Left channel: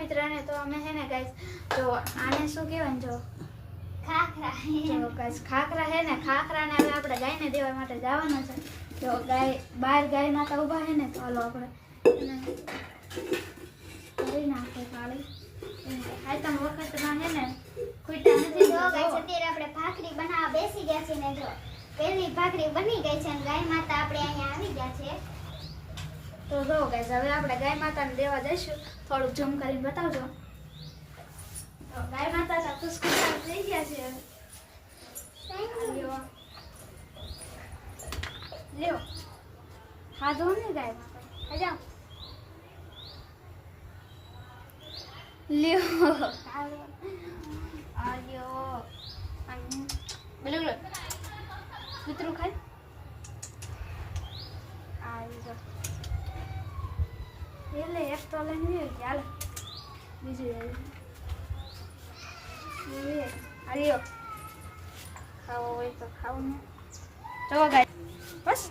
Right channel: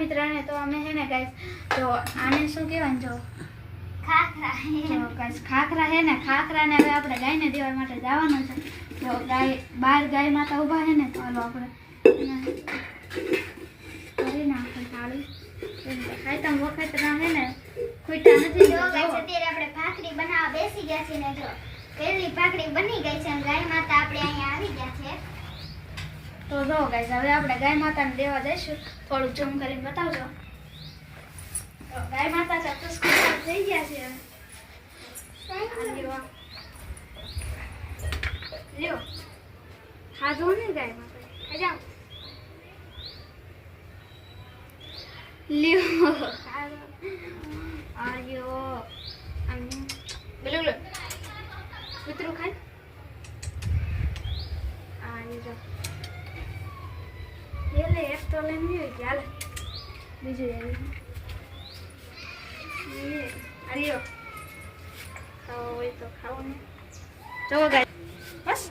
મિત્રને તો અમે છે ને ગાઈસ તો આને શું કહેવાય જો? ખાખરા ગાઈસ ખાખરા ને ખાખરાને હવે આપણે ગાયને દેવા માટે જવાનું છે. તો ગાય બહાર ગાય માતા ઊભા છે ને તો હાલો આપણે કરી નાખો થાળી. કે ખાઈતમ વખતમાં ને ખૂટા નથી જો ગાઈસ અત્યારે આપણે ભાખરી બનાવવા બેસી ગયા છે ને જો. પેલી ભાખરી બની ગઈ છે ગાય માતા આપણે અહીંયા આવી ગયા છે. તો જો ગાઈસ હવે આપણે ગાય માતાને દેવા જઈશું. થોડુંક જમ કરીને બતાવજો. તો ગાય માતા સાથે સ્કૂલ થઈ ગયા છે લ્યો. હા, જો ને ગાય માતા. ખાજા લ્યો. આયો બોલો બોલો. કૂતરું ખાય? આવી જા એટલે એક તો લઈને નહીં ચાલે બીજું આવી એ આલ્યો ખાવો હોય તો ખાવું ને ચલો ગાય બસ